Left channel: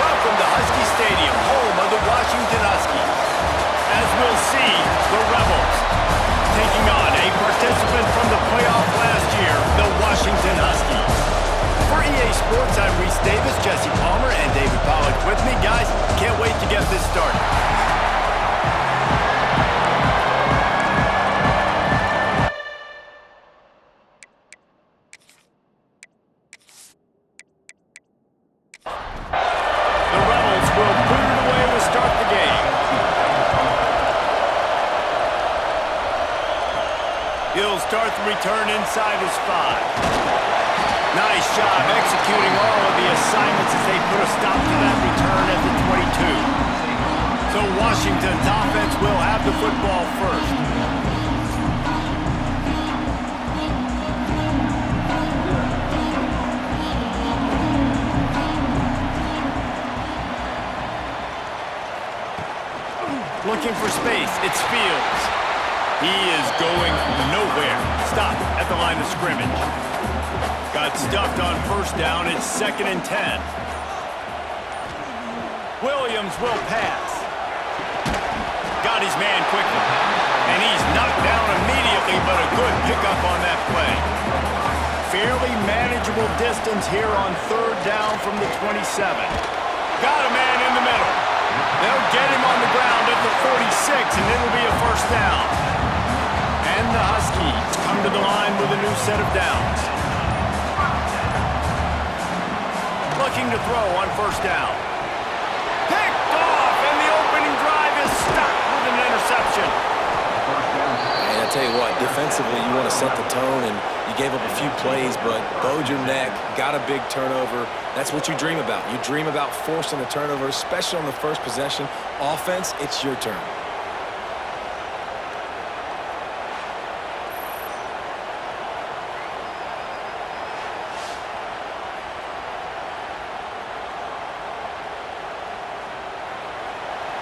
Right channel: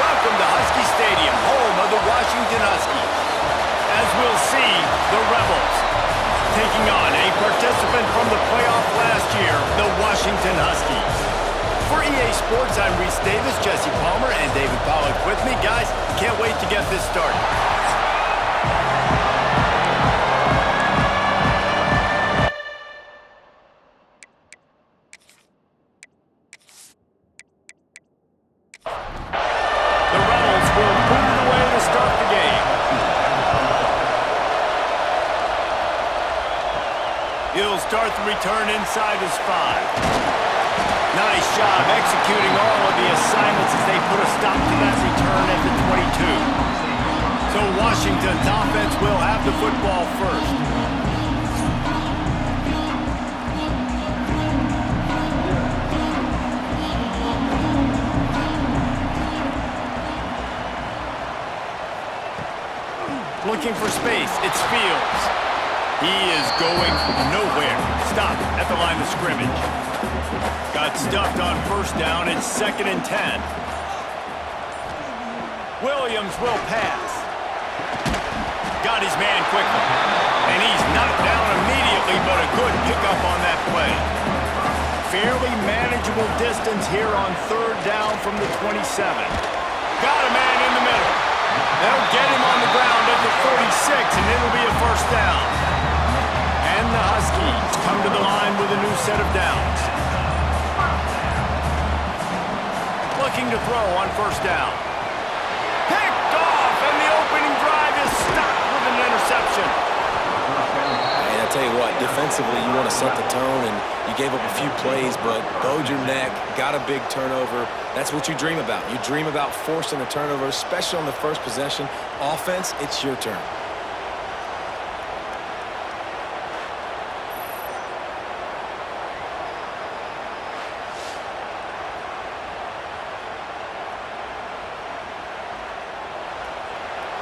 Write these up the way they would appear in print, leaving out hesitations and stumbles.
Welcome to Husky Stadium, home of the Washington Huskies. As we'll see, the Rebels taking on a participant from the playoff last year, the Washington Huskies. For EA Sports, I'm Reese Davis, Jesse Palmer, and David Pollack with me. Guys, can't wait to get this started. The Rebels will boot it away to start the game. He'll start the return inside his 5. Nice job executing all of the assignments as they put a stop to that return at the 22. So Washington's offense will have the football first. Looking for space, it's Fields. He is going nowhere. Stop at the line of scrimmage. Got stuffed on first down. It's 2nd and 10. Williams will pass. Got his man quickly. And he's knocked down immediately, but a good pickup on that play. Fairly manageable distance here on 3rd down from the 27. Got a man in the middle. They'll get him on the ground at the 46, and it'll be a first down. And the Huskies come to the line with a new set of downs. Looking to throw on first down. Picked off, and the opening drive is stopped with an interception. And I tell you what, defensively, you want to set the tone, and you gave up a few plays, but bowed your neck, got a big turnover. That's what you dream about. You dream about forcing a turnover, especially on the first possession. Offense, it's your turn.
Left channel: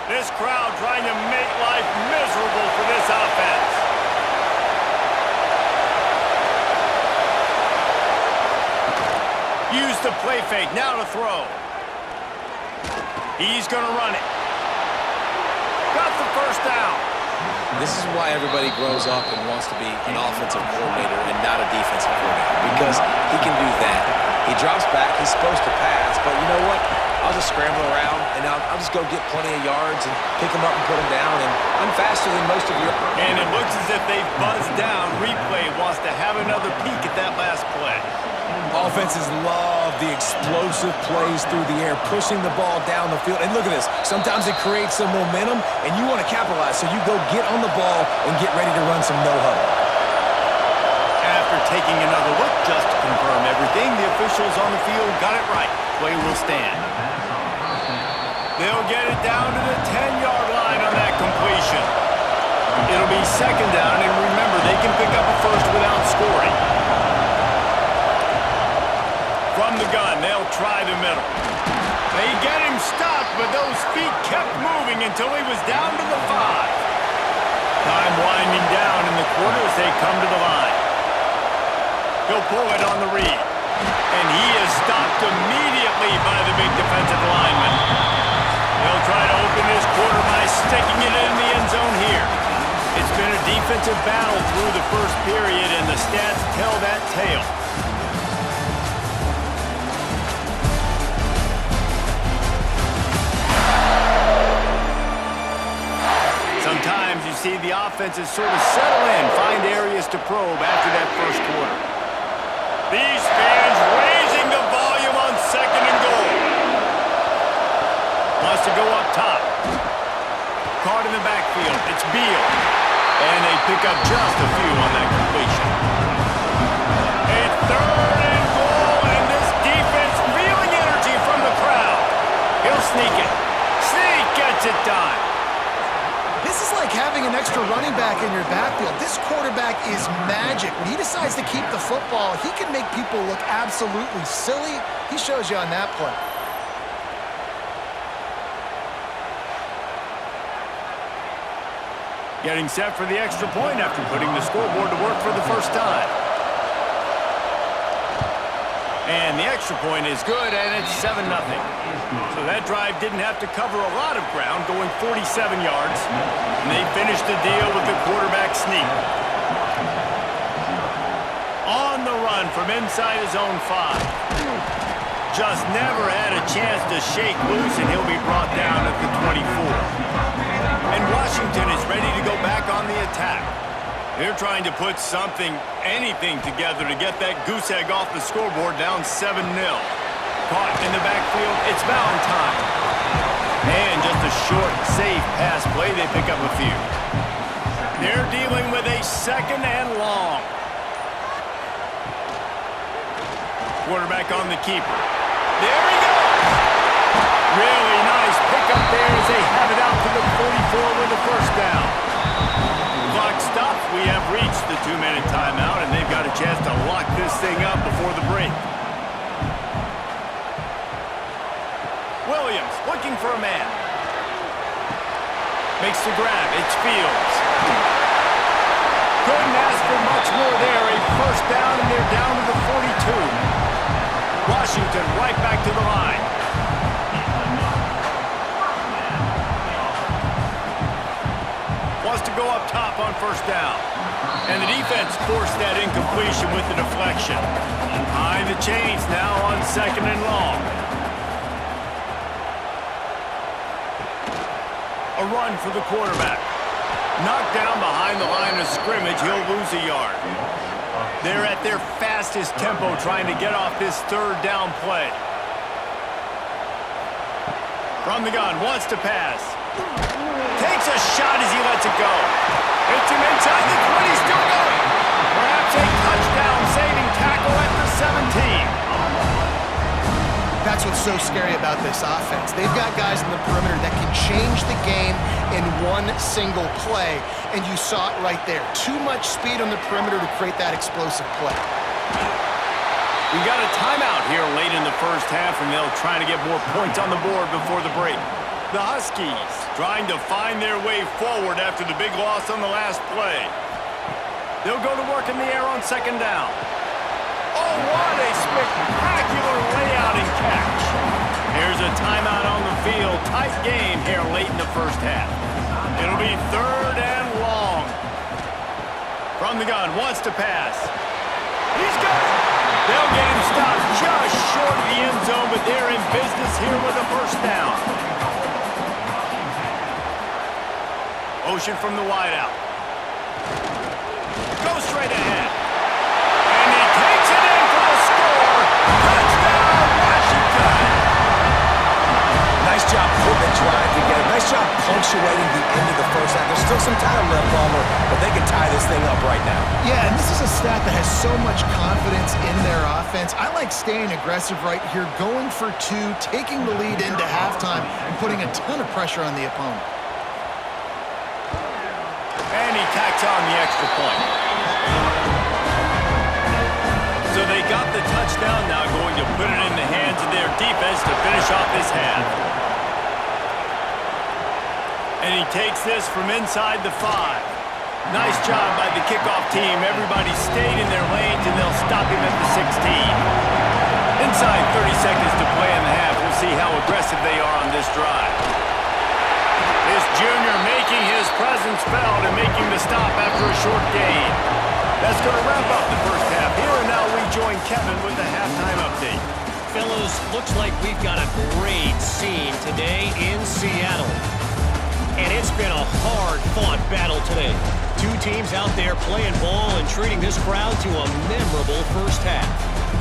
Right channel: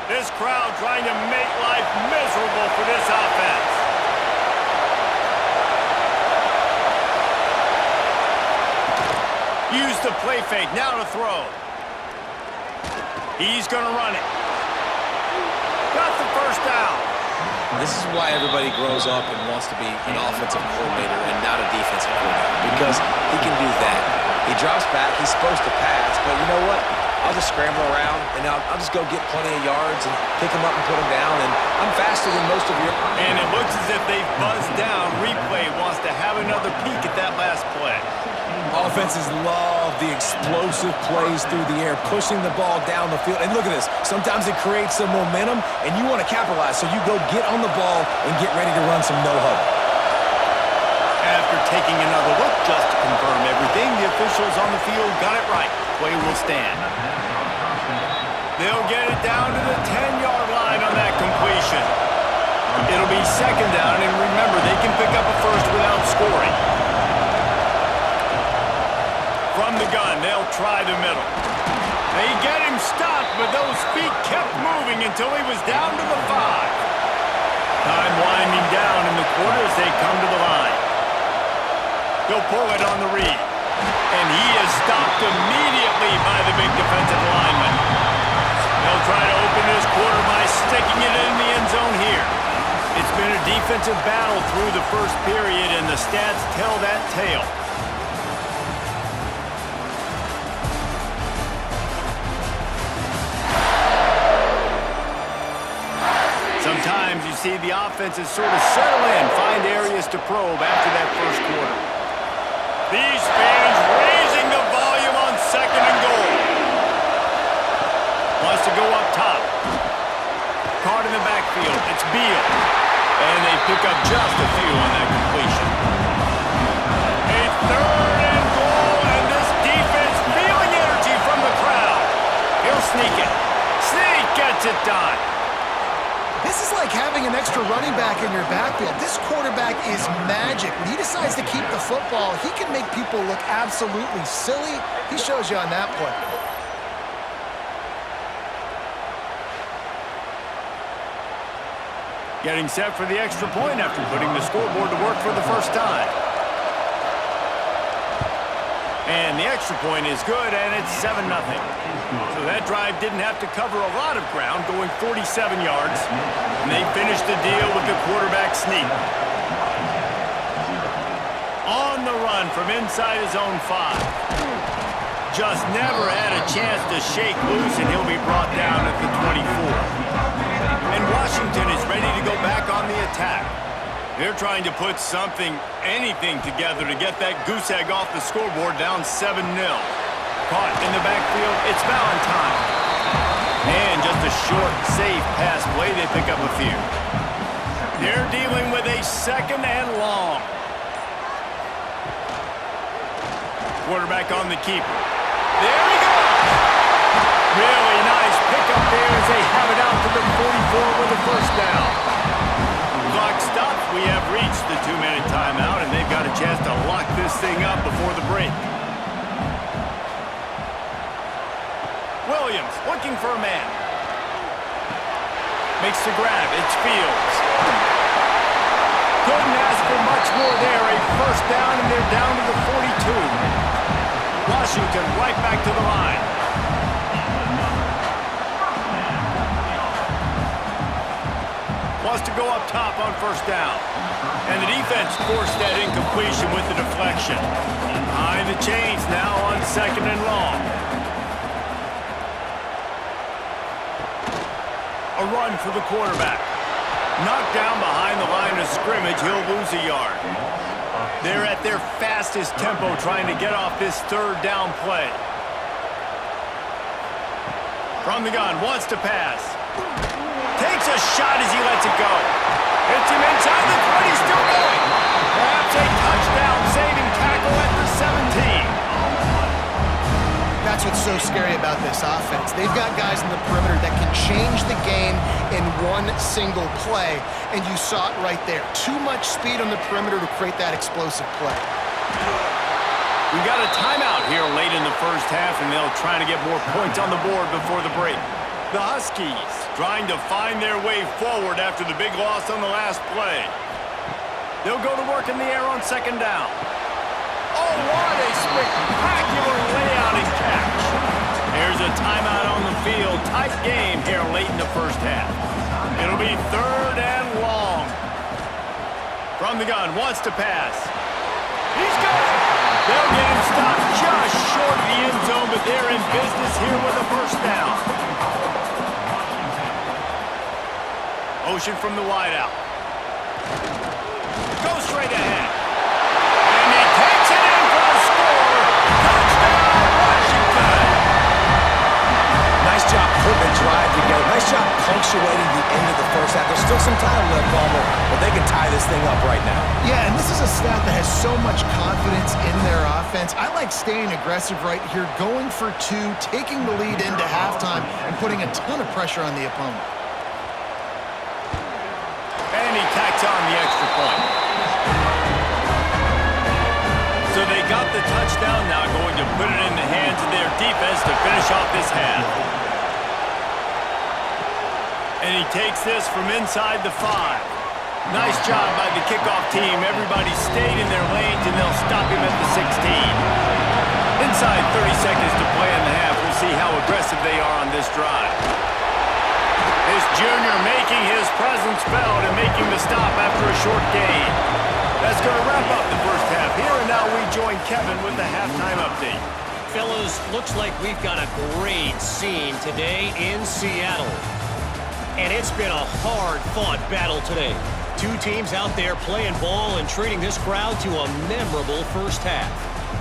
This crowd trying to make life miserable for this offense. Use the play fake, now to throw. He's going to run it. Got the first down. This is why everybody grows up and wants to be an offensive coordinator and not a defensive coordinator, because he can do that. He drops back, he's supposed to pass, but you know what? I'll just scramble around, and I'll just go get plenty of yards and pick them up and put them down, and I'm faster than most of your... And it looks as if they've buzzed down. Replay wants to have another peek at that last play. Offenses love the explosive plays through the air, pushing the ball down the field. And look at this. Sometimes it creates some momentum, and you want to capitalize, so you go get on the ball and get ready to run some no-huddle. After taking another look just to confirm everything, the officials on the field got it right. Play will stand. They'll get it down to the 10-yard line on that completion. It'll be 2nd down, and remember, they can pick up a first without scoring. From the gun, they'll try the middle. They get him stopped, but those feet kept moving until he was down to the 5. Time winding down in the quarter as they come to the line. He'll pull it on the read. And he is stopped immediately by the big defensive lineman. They'll try to open this quarter by sticking it in the end zone here. It's been a defensive battle through the first period, and the stats tell that tale. Sometimes you see the offenses sort of settle in, find areas to probe after that first quarter. These fans raising the volume on 2nd and goal. Wants to go up top. Caught in the backfield. It's Beal. And they pick up just a few on that completion. A 3rd and goal, and this defense feeling energy from the crowd. He'll sneak it. Sneak gets it done. This is like having an extra running back in your backfield. This quarterback is magic. When he decides to keep the football, he can make people look absolutely silly. He shows you on that play. Getting set for the extra point after putting the scoreboard to work for the first time. And the extra point is good, and it's 7-0. So that drive didn't have to cover a lot of ground, going 47 yards. And they finished the deal with the quarterback sneak. On the run from inside his own 5. Just never had a chance to shake loose, and he'll be brought down at the 24. And Washington is ready to go back on the attack. They're trying to put something, anything together to get that goose egg off the scoreboard, down 7-0. Caught in the backfield, it's Valentine. And just a short, safe pass play, they pick up a few. They're dealing with a 2nd and long. Quarterback on the keeper. There he goes! Really nice pickup there as they have it out to the 44 with a first down. Clock stops. We have reached the 2-minute timeout, and they've got a chance to lock this thing up before the break. Williams looking for a man. Makes the grab. It's Fields. Couldn't ask for much more there. A first down, and they're down to the 42. Washington right back to the line. Wants to go up top on first down. And the defense forced that incompletion with the deflection. Behind the chains now on 2nd and long. A run for the quarterback. Knocked down behind the line of scrimmage, he'll lose a yard. They're at their fastest tempo trying to get off this 3rd down play. From the gun, wants to pass. Takes a shot as he lets it go. Hits him inside the 20, still going. Perhaps a touchdown-saving tackle at the 17. That's what's so scary about this offense. They've got guys in the perimeter that can change the game in one single play, and you saw it right there. Too much speed on the perimeter to create that explosive play. We got a timeout here late in the first half, and they'll try to get more points on the board before the break. The Huskies trying to find their way forward after the big loss on the last play. They'll go to work in the air on 2nd down. Oh, what a spectacular layout and catch. Here's a timeout on the field. Tight game here late in the first half. It'll be 3rd and long. From the gun, wants to pass. He's got it. They'll get him stopped just short of the end zone, but they're in business here with a first down. Motion from the wideout. Go straight ahead. And he takes it in for the score. Touchdown, Washington. Nice job putting the drive together. Nice job punctuating the end of the first half. There's still some time left, Palmer, but they can tie this thing up right now. Yeah, and this is a stat that has so much confidence in their offense. I like staying aggressive right here, going for 2, taking the lead into halftime, and putting a ton of pressure on the opponent. And he tacks on the extra point. So they got the touchdown, now going to put it in the hands of their defense to finish off this half. And he takes this from inside the 5. Nice job by the kickoff team. Everybody stayed in their lanes, and they'll stop him at the 16. Inside 30 seconds to play in the half. We'll see how aggressive they are on this drive. This junior making his presence felt and making the stop after a short gain. That's going to wrap up the first half here, and now we join Kevin with the halftime update. Fellas, looks like we've got a great scene today in Seattle. And it's been a hard-fought battle today. 2 teams out there playing ball and treating this crowd to a memorable first half.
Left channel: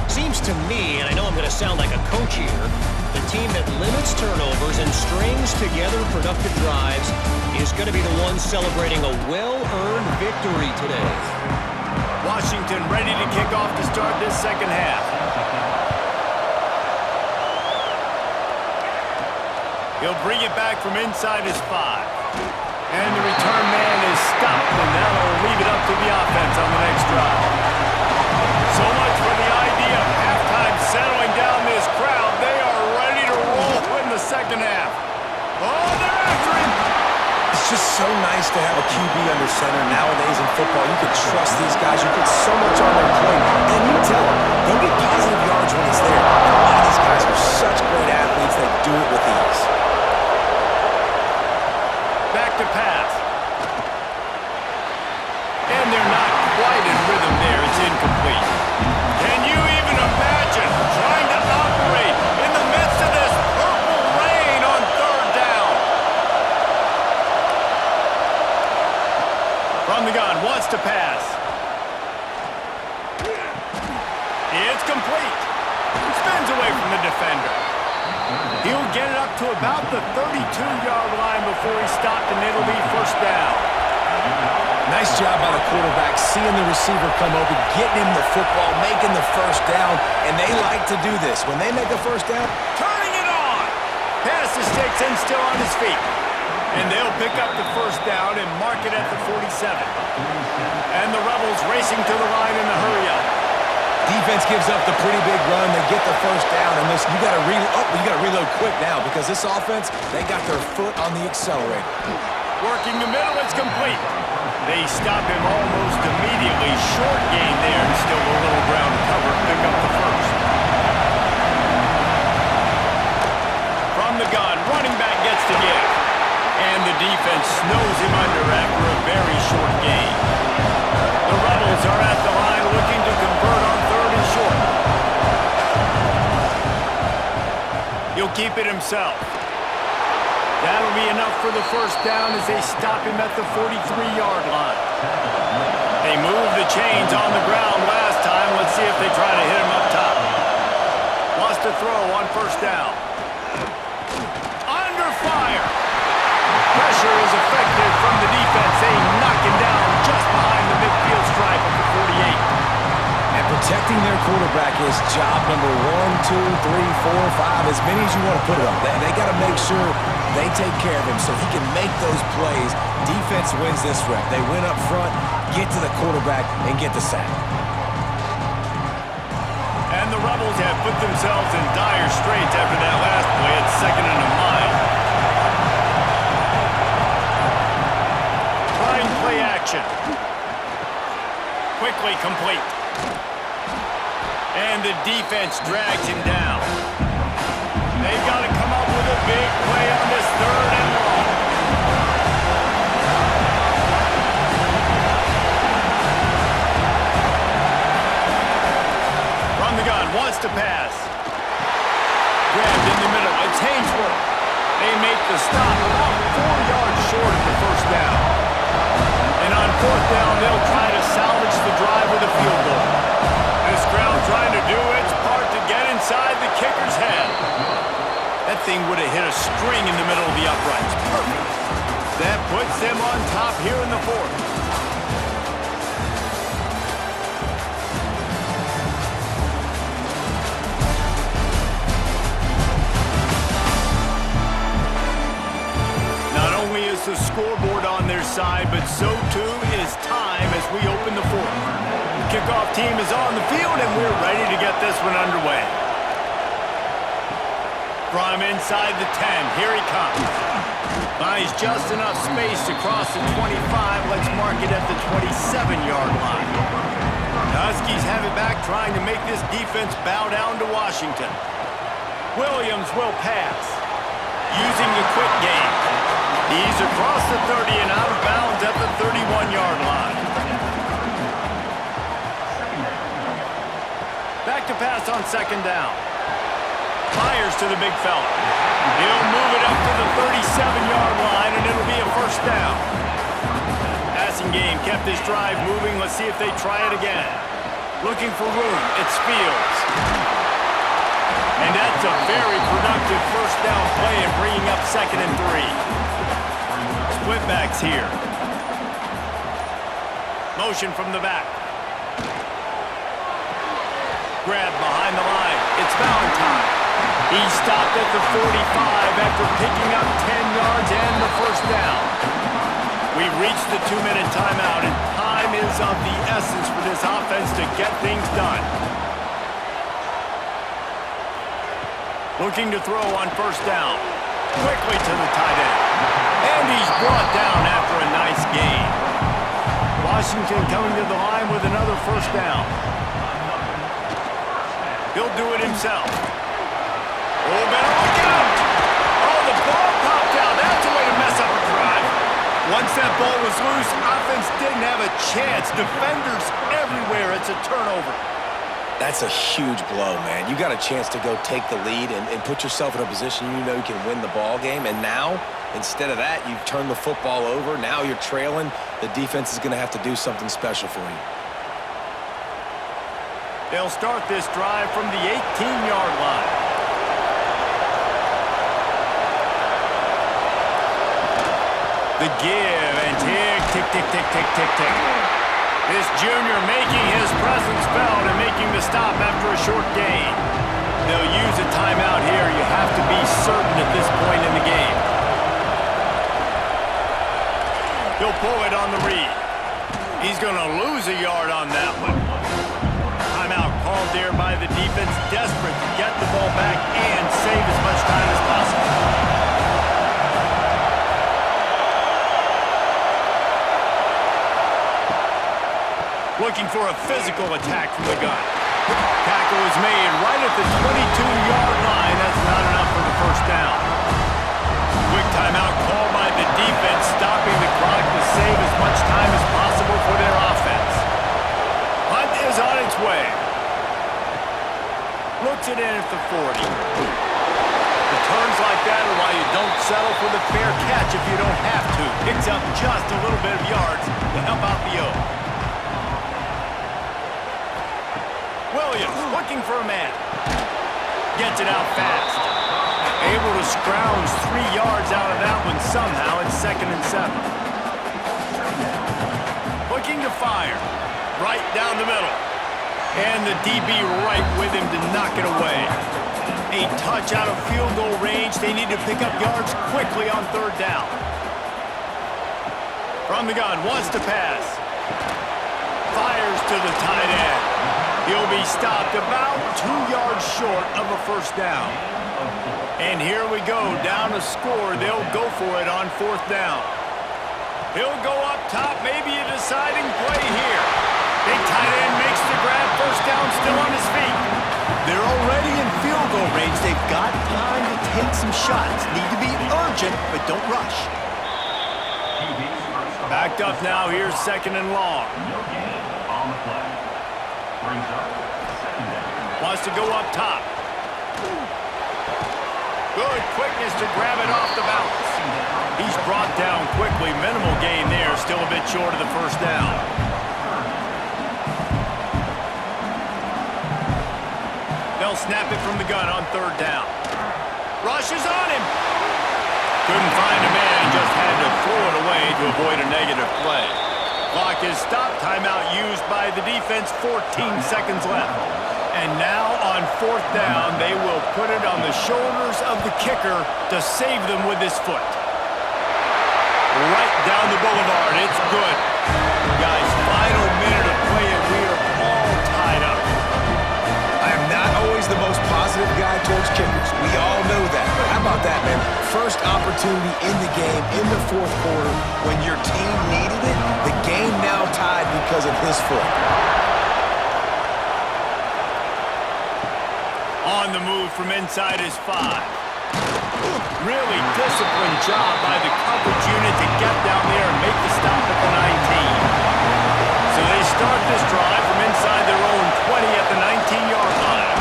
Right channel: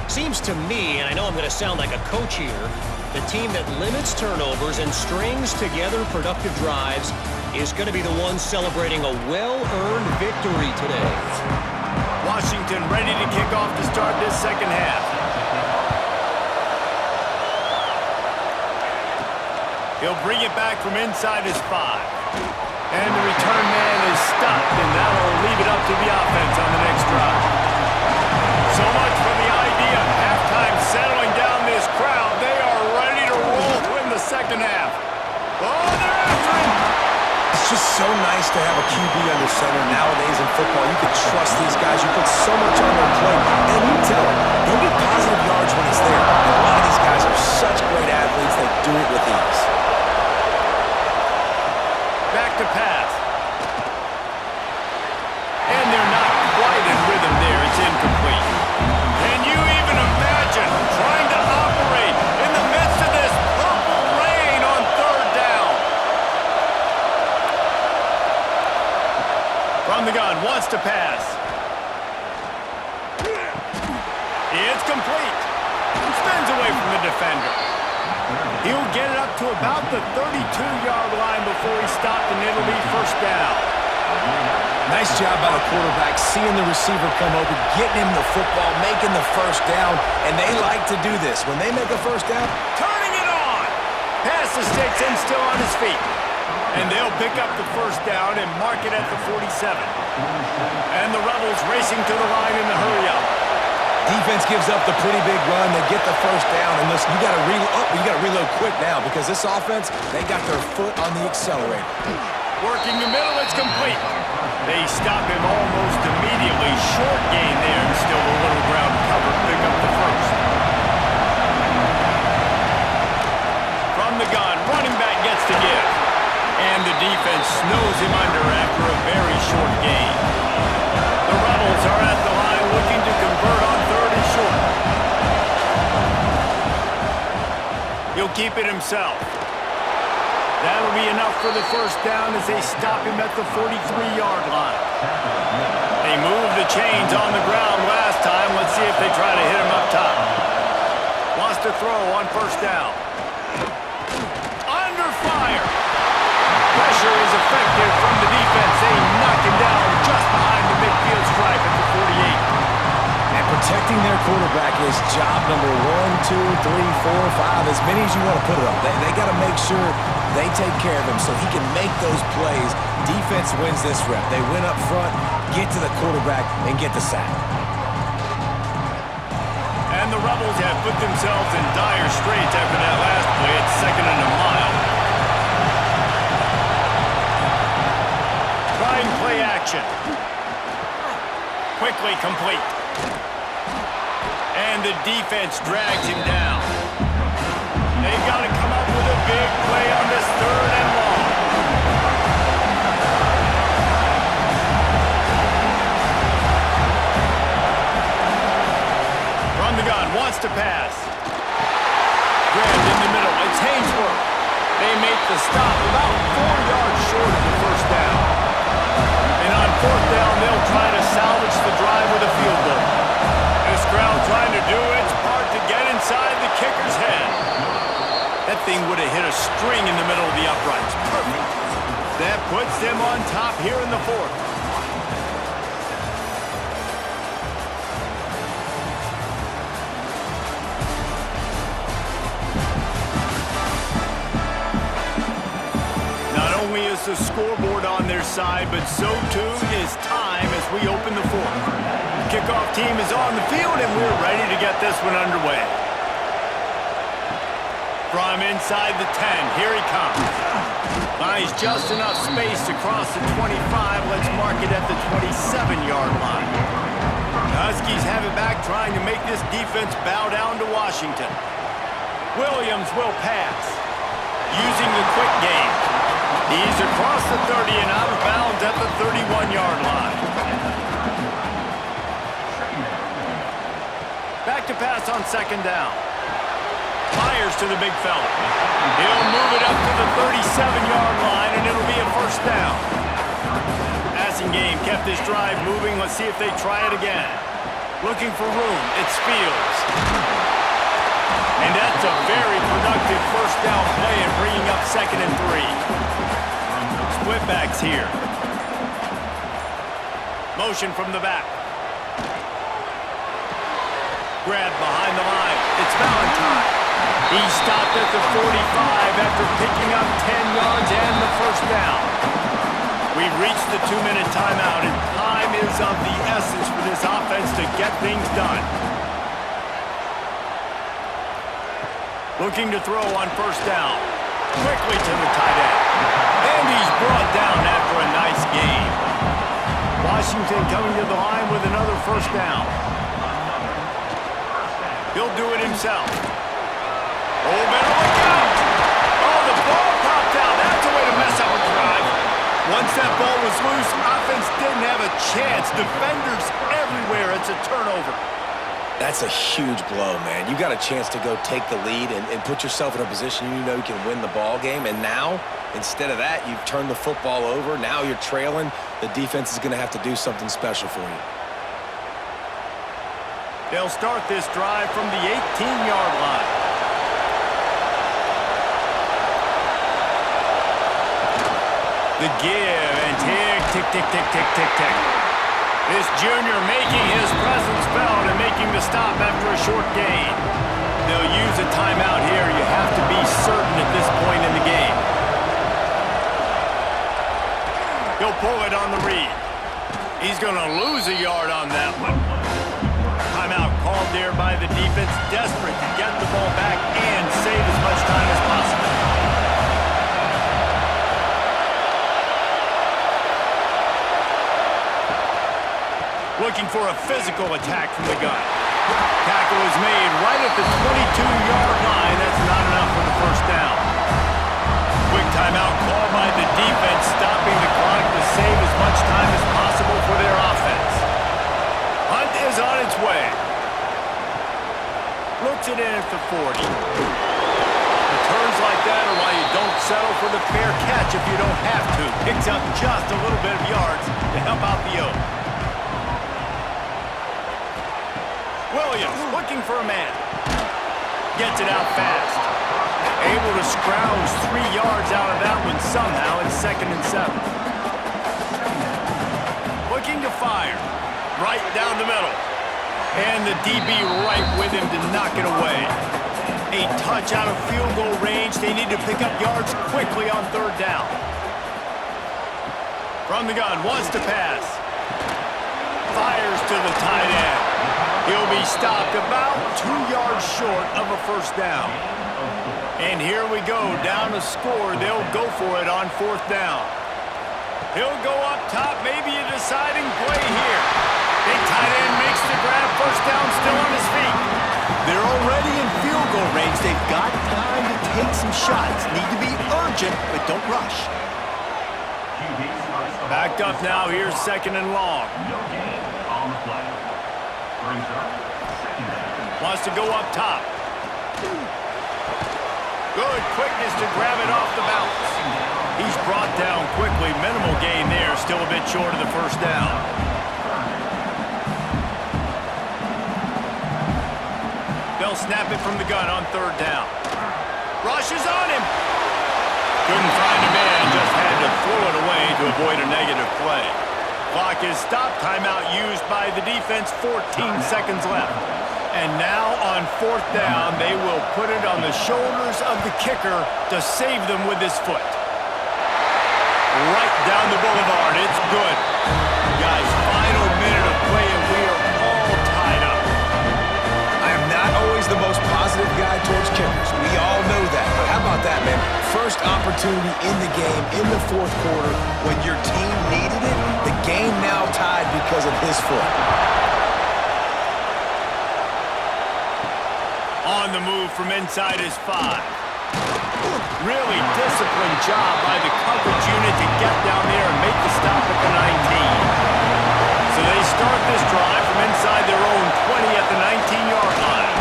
Seems to me, and I know I'm going to sound like a coach here, the team that limits turnovers and strings together productive drives is going to be the one celebrating a well-earned victory today. Washington ready to kick off to start this second half. He'll bring it back from inside his 5. And the return man is stopped, and that'll leave it up to the offense on the next drive. So much for the idea of halftime settling down this crowd. They are ready to roll in the second half. Oh, they're after him. It's just so nice to have a QB under center nowadays in football. You can trust these guys. You put so much on their plate. And you tell them, they'll get positive yards when he's there. And a lot of these guys are such great athletes, they do it with ease. Back to pass. And they're not quite in rhythm there. It's incomplete. Can you even imagine trying to operate in the midst of this purple rain on third down? From the gun, wants to pass. It's complete. Spins away from the defender. He'll get it up to about the 32-yard line before he's stopped, and it'll be first down. Nice job by the quarterback, seeing the receiver come open, getting him the football, making the first down, and they like to do this. When they make a first down, Turning it on. Passes takes him still on his feet. And they'll pick up the first down and mark it at the 47. And the Rebels racing to the line in the hurry-up. defense gives up the pretty big run. They get the first down, and listen, you got to reload quick now because this offense, they got their foot on the accelerator. Working the middle, it's complete. They stop him almost immediately. Short gain there, and still a little ground to cover. Pick up the first. From the gun, running back gets to give. And the defense snows him under after a very short gain. The Rebels are at the line looking to convert on third and short. He'll keep it himself. That'll be enough for the first down as they stop him at the 43-yard line. They moved the chains on the ground last time. Let's see if they try to hit him up top. Wants to throw on first down. Under fire. Pressure is effective from the defense. They knock him down just behind the midfield stripe at the 48. And protecting their quarterback is job number 1, 2, 3, 4, 5, as many as you want to put it on. They got to make sure they take care of him so he can make those plays. Defense wins this rep. They win up front, get to the quarterback, and get the sack. And the Rebels have put themselves in dire straits after that last play at 2nd and a mile. Trying play action. Quickly complete. And the defense drags him down. They've got to come up with a big play on this 3rd and long. From the gun, wants to pass. Grabbed in the middle, it's Hainsworth. They make the stop about 4 yards short of the first down. And on 4th down, they'll try to salvage the drive with a field goal. This crowd trying to do its part to get inside the kicker's head. That thing would have hit a string in the middle of the uprights. Perfect. That puts them on top here in the 4th. Not only is the scoreboard on their side, but so too is time as we open the 4th. The kickoff team is on the field, and we're ready to get this one underway. From inside the 10, here he comes. Buys just enough space to cross the 25. Let's mark it at the 27-yard line. The Huskies have it back, trying to make this defense bow down to Washington. Williams will pass, using the quick game. He's across the 30 and out of bounds at the 31-yard line. Back to pass on 2nd down. Fires to the big fella. He'll move it up to the 37-yard line, and it'll be a first down. Passing game kept this drive moving. Let's see if they try it again. Looking for room. It's Fields. And that's a very productive first down play and bringing up 2nd and 3. Split backs here. Motion from the back. Grab behind the line. It's Valentine. He stopped at the 45 after picking up 10 yards and the first down. We've reached the 2-minute timeout, and time is of the essence for this offense to get things done. Looking to throw on first down. quickly to the tight end. And he's brought down after a nice gain. Washington coming to the line with another first down. He'll do it himself. Oh, better look out! Oh, the ball popped out. That's a way to mess up a drive. Once that ball was loose, offense didn't have a chance. Defenders everywhere. It's a turnover. That's a huge blow, man. You got a chance to go take the lead and put yourself in a position you know you can win the ball game. And now, instead of that, you've turned the football over. Now you're trailing. The defense is going to have to do something special for you. They'll start this drive from the 18-yard line. The give and tick, tick, tick, tick, tick, tick, tick. This junior making his presence felt and making the stop after a short gain. They'll use a timeout here. You have to be certain at this point in the game. He'll pull it on the read. He's going to lose a yard on that one. Timeout called there by the defense, desperate to get the ball back and save as much time as possible. Looking for a physical attack from the gun. Tackle is made right at the 22-yard line. That's not enough for the first down. Quick timeout called by the defense, stopping the clock to save as much time as possible for their offense. Hunt is on its way. Looks it in at the 40. Returns like that are why you don't settle for the fair catch if you don't have to. Picks up just a little bit of yards to help out the O. Williams looking for a man. Gets it out fast. Able to scrounge 3 yards out of that one somehow. It's 2nd and 7. Looking to fire. Right down the middle. And the DB right with him to knock it away. A touch out of field goal range. They need to pick up yards quickly on 3rd down. From the gun, wants to pass. Fires to the tight end. He'll be stopped about 2 yards short of a first down. And here we go, down a score. They'll go for it on 4th down. He'll go up top, maybe a deciding play here. Big tight end makes the grab, first down, still on his feet. They're already in field goal range. They've got time to take some shots. Need to be urgent, but don't rush. Backed up now, here's 2nd and long. No gain on the play. Brings up 2nd down. Wants to go up top. Good quickness to grab it off the bounce. He's brought down quickly. Minimal gain there. Still a bit short of the first down. They'll snap it from the gun on 3rd down. Rushes on him. Couldn't find a man and just had to throw it away to avoid a negative play. Clock is stopped. Timeout used by the defense. 14 seconds left. And now on 4th down, they will put it on the shoulders of the kicker to save them with his foot. Right down the boulevard. It's good. Guys, final minute of play, and we are all tied up. I am not always the most positive guy towards kickers. We all know that. But how about that, man? First opportunity in the game, in the 4th quarter, when your team needed it, the game now tied because of his foot. On the move from inside his 5. Really disciplined job by the coverage unit to get down there and make the stop at the 19. So they start this drive from inside their own 20 at the 19-yard line.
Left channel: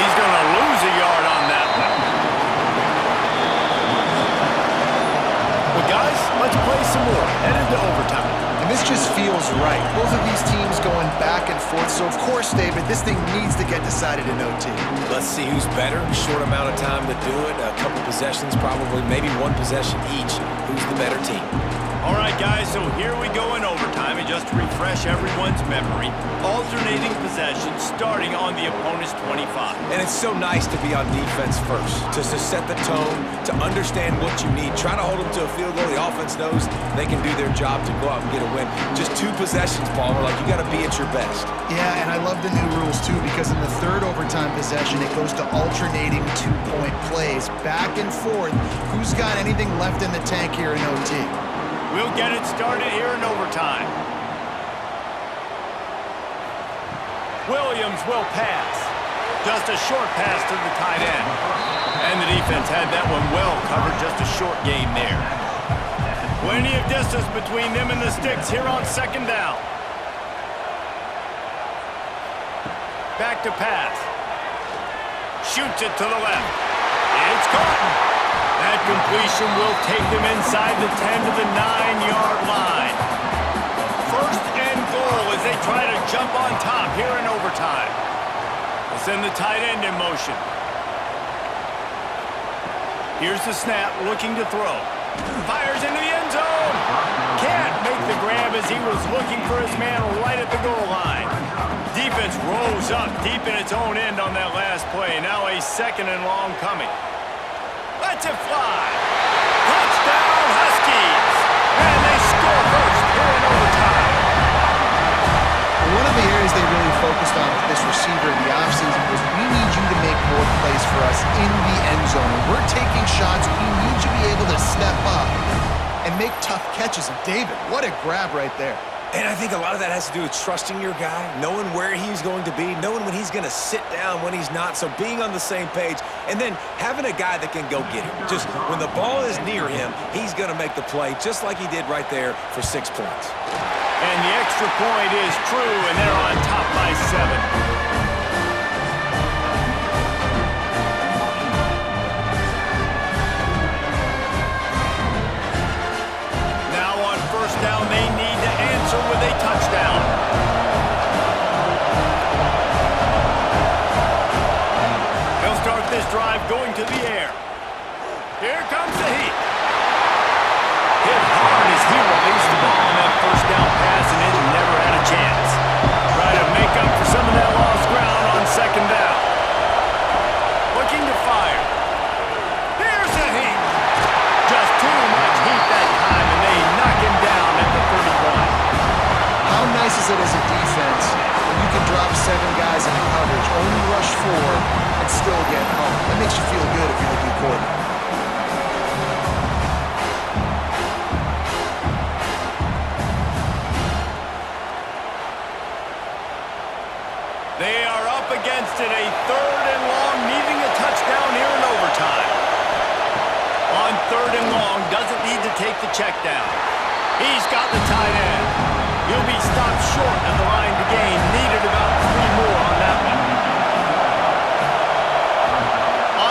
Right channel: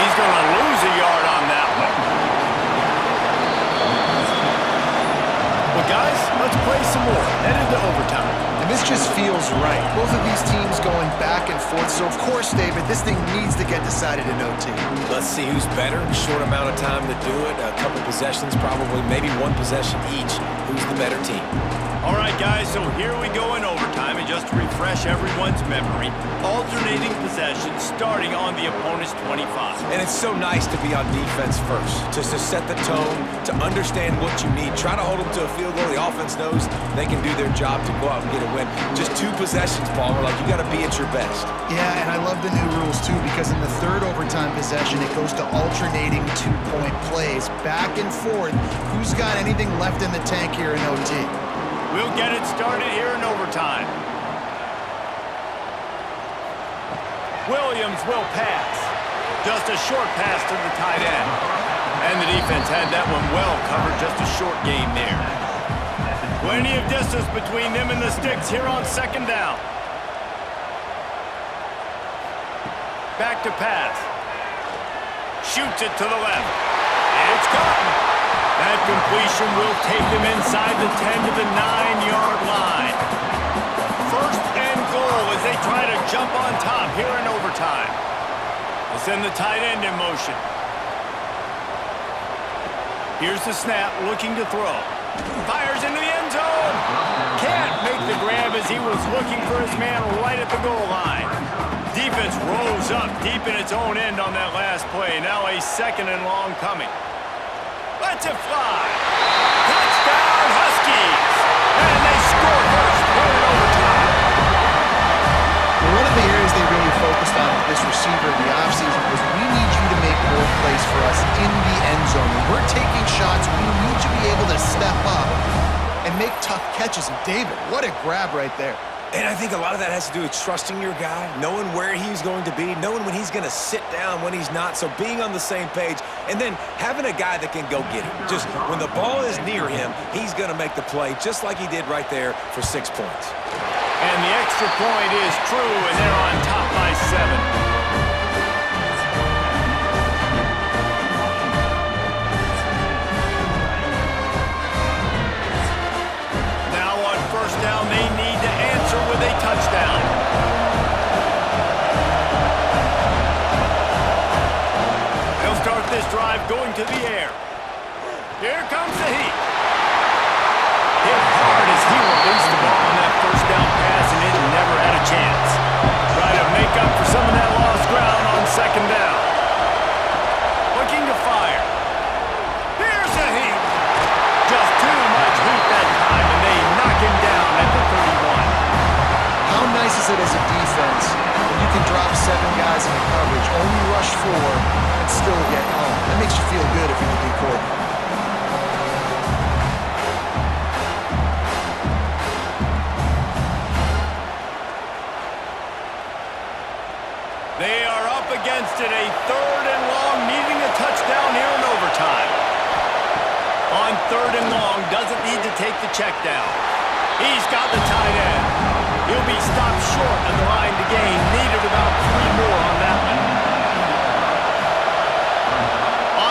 He's going to lose a yard on that one. Well, guys, let's play some more. Headed to overtime. And this just feels right. Both of these teams going back and forth. So, of course, David, this thing needs to get decided in OT. Let's see who's better. Short amount of time to do it. A couple possessions, probably maybe one possession each. Who's the better team? All right, guys, so here we go in overtime, and just to refresh everyone's memory, alternating possessions starting on the opponent's 25. And it's so nice to be on defense first, just to set the tone, to understand what you need. Try to hold them to a field goal. The offense knows they can do their job to go out and get a win. Just 2 possessions, Palmer. Like, you got to be at your best. Yeah, and I love the new rules, too, because in the third overtime possession, it goes to alternating 2-point plays. Back and forth. Who's got anything left in the tank here in OT? We'll get it started here in overtime. Williams will pass. Just a short pass to the tight end. And the defense had that one well covered, just a short gain there. Plenty of distance between them and the sticks here on second down. Back to pass. Shoots it to the left. It's caught. That completion will take them inside the 10 to the 9-yard line. First and goal as they try to jump on top here in overtime. They'll send the tight end in motion. Here's the snap, looking to throw. Fires into the end zone. Can't make the grab as he was looking for his man right at the goal line. Defense rolls up deep in its own end on that last play. Now a second and long coming. Lets it fly. Touchdown, Huskies. And they score first here in overtime. Well, one of the areas they really focused on with this receiver in the offseason was we need you to make more plays for us in the end zone. When we're taking shots, we need you to be able to step up and make tough catches. And David, what a grab right there. And I think a lot of that has to do with trusting your guy, knowing where he's going to be, knowing when he's going to sit down, when he's not, so being on the same page, and then having a guy that can go get him. Just when the ball is near him, he's going to make the play, just like he did right there for 6 points. And the extra point is true, and they're on top by 7. First down, they need to answer with a touchdown. They'll start this drive going to the air. Here comes the heat. Hit hard as he released the ball on that first down pass, and it never had a chance. Try to make up for some of that lost ground on second down. Looking to fire. Here's the heat. Just too much heat that time, and they knock him down at the 31. How nice is it as a defense when you can drop 7 guys into coverage, only rush 4, and still get home? That makes you feel good if you're the D coordinator. They are up against it, a third and long, needing a touchdown here in overtime. On third and long, doesn't need to take the check down. He's got the tight end. He'll be stopped short of the line to gain. Needed about 3 more on that one.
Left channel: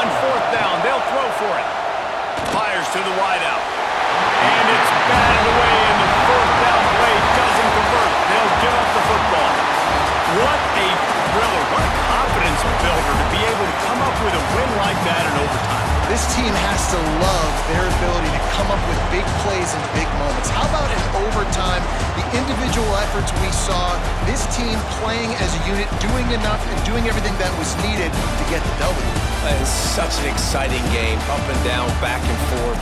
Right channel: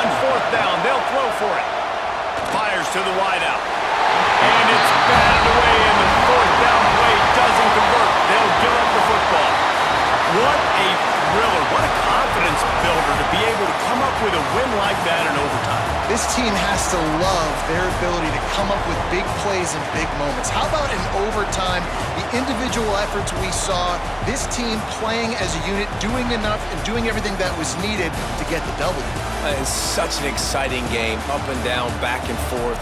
On fourth down, they'll throw for it. Fires to the wideout. And it's batted away, and the fourth down play doesn't convert. They'll give up the football. What a thriller. What a confidence builder to be able to come up with a win like that in overtime. This team has to love their ability to come up with big plays in big moments. How about in overtime, the individual efforts we saw, this team playing as a unit, doing enough and doing everything that was needed to get the W. It's such an exciting game, up and down, back and forth.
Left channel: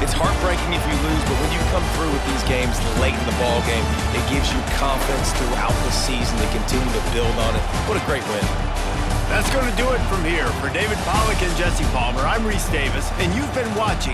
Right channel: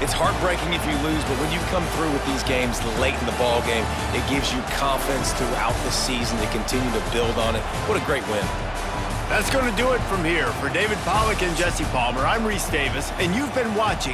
It's heartbreaking if you lose, but when you come through with these games late in the ball game, it gives you confidence throughout the season to continue to build on it. What a great win. That's going to do it from here. For David Pollack and Jesse Palmer, I'm Reese Davis, and you've been watching